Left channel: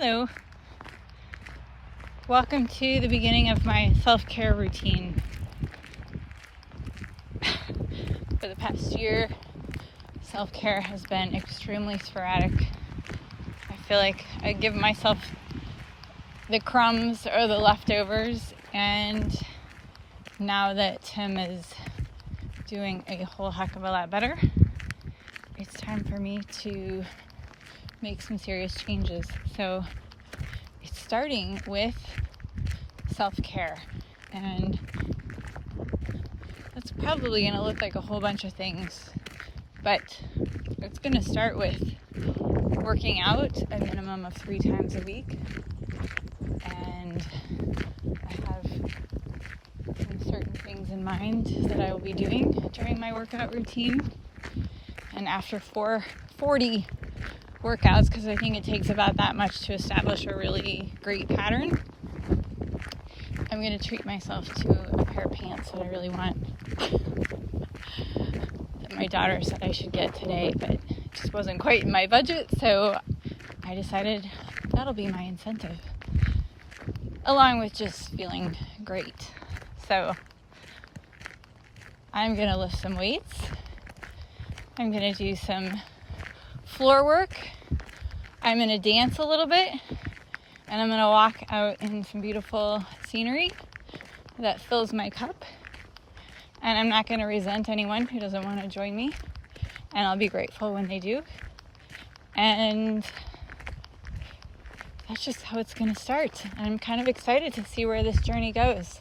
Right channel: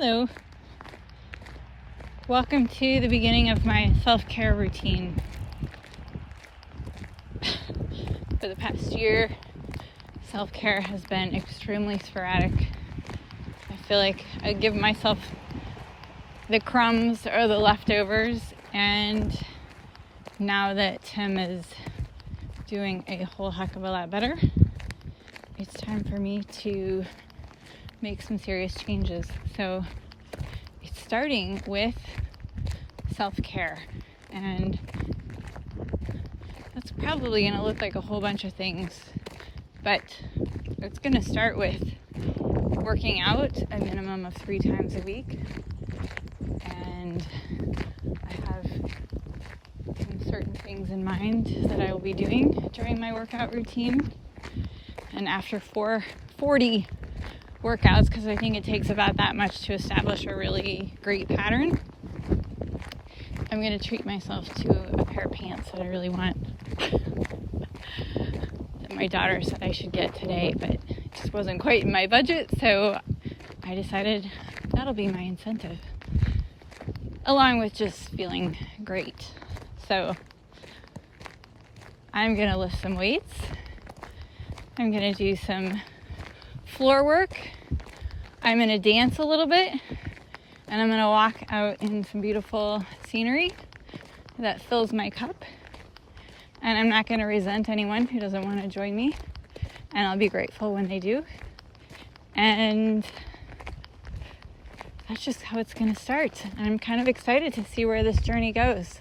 Hello. Welcome to the beginning of my self-care routine. For the past year, self-care has been extremely sporadic. I feel like I give myself the crumbs or the leftovers, and now that Tim is doing a whole heck of a lot better, it's time for me to make some serious changes. So it's starting with self-care, and that's probably going to look like a whole bunch of things, but it's going to start with working out a minimum of 3 times a week. And I have some certain things in mind that I will be doing during my workout routine. And after 40 workouts, because I think it takes about that much to establish a really great pattern, I'm going to treat myself to a pair of pants that I really want. That my daughter said I should get today, but it just wasn't quite in my budget, so I decided that'll be my incentive, along with just feeling great. So I'm going to lift some weights. I'm going to do some floor work. I'm going to dance a little bit, and I'm going to walk out in some beautiful scenery that fills my cup. And I'm not going to resent anyone who doesn't want to join me, and I'll be grateful when they do. And that's just how it's going to start. And I'm kind of excited to see where this journey goes.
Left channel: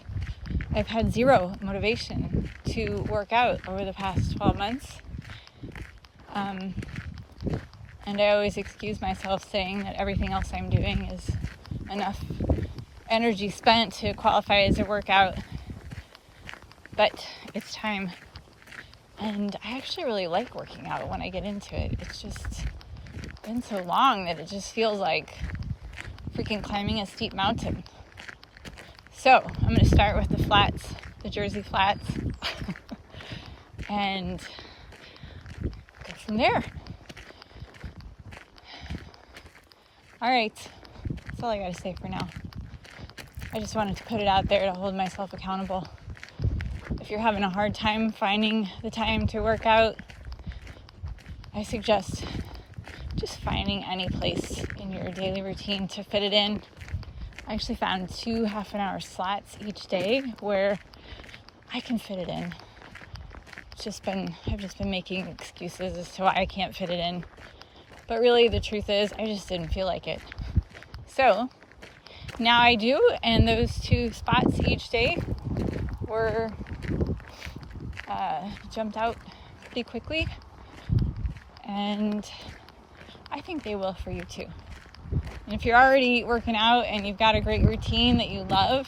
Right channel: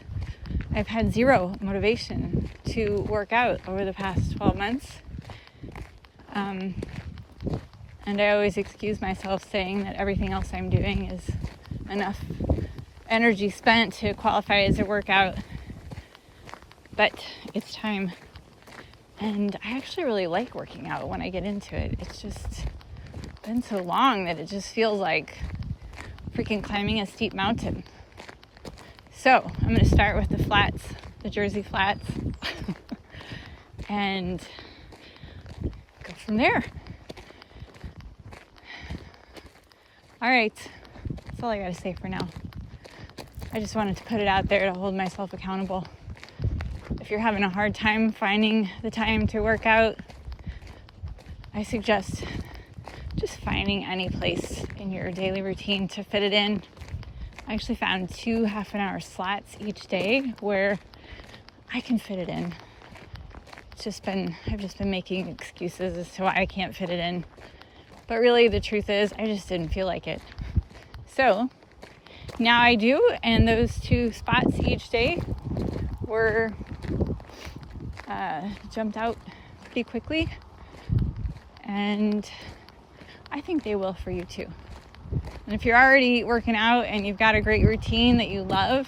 I've had zero motivation to work out over the past 12 months. And I always excuse myself saying that everything else I'm doing is enough energy spent to qualify as a workout. But it's time. And I actually really like working out when I get into it. It's just been so long that it just feels like freaking climbing a steep mountain. So I'm going to start with the flats, the Jersey flats, and go from there. Alright, that's all I gotta say for now. I just wanted to put it out there to hold myself accountable. If you're having a hard time finding the time to work out, I suggest just finding any place in your daily routine to fit it in. I actually found 2 half-an-hour slots each day where I can fit it in. I've just been making excuses as to why I can't fit it in. But really, the truth is, I just didn't feel like it. So now I do, and those 2 spots each day were jumped out pretty quickly, and I think they will for you too. And if you're already working out and you've got a great routine that you love,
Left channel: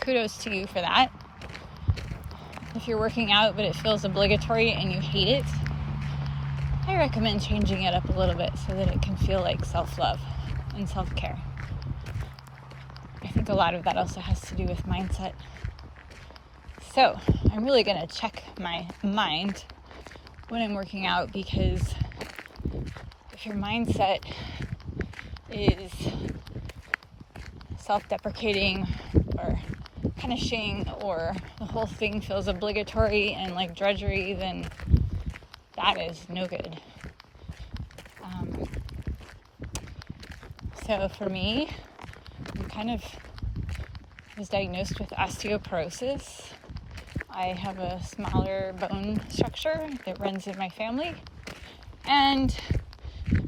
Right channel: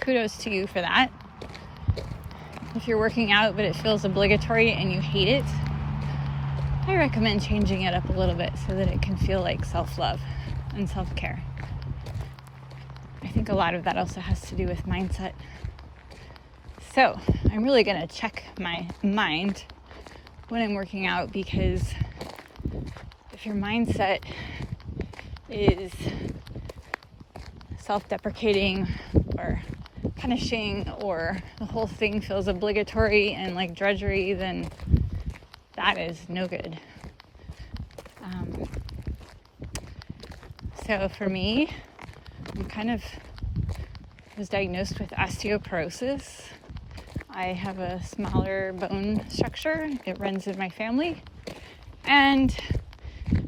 kudos to you for that. If you're working out but it feels obligatory and you hate it, I recommend changing it up a little bit so that it can feel like self-love and self-care. I think a lot of that also has to do with mindset. So I'm really going to check my mind when I'm working out, because if your mindset is self-deprecating or punishing, or the whole thing feels obligatory and like drudgery, then that is no good. So for me, I was diagnosed with osteoporosis. I have a smaller bone structure. It runs in my family. And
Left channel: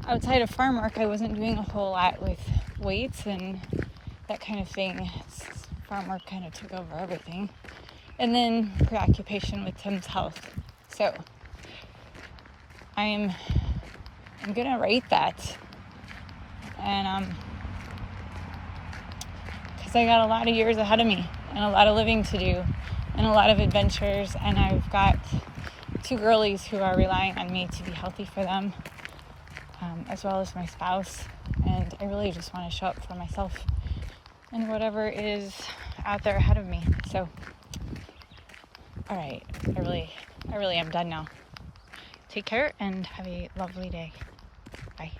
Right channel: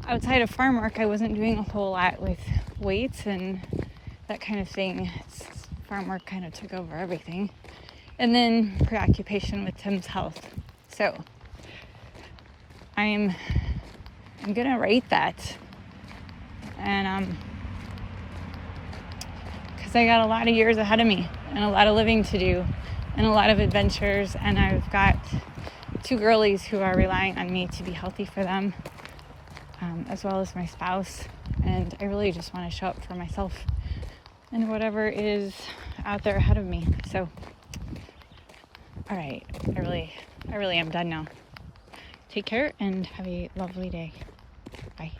outside of farm work, I wasn't doing a whole lot with weights and that kind of thing. Farm work kind of took over everything. And then preoccupation with Tim's health. So I'm gonna rate that, and because I got a lot of years ahead of me and a lot of living to do and a lot of adventures, and I've got 2 girlies who are relying on me to be healthy for them, as well as my spouse, and I really just want to show up for myself and whatever is out there ahead of me. So alright, I really am done now. Take care and have a lovely day. Bye.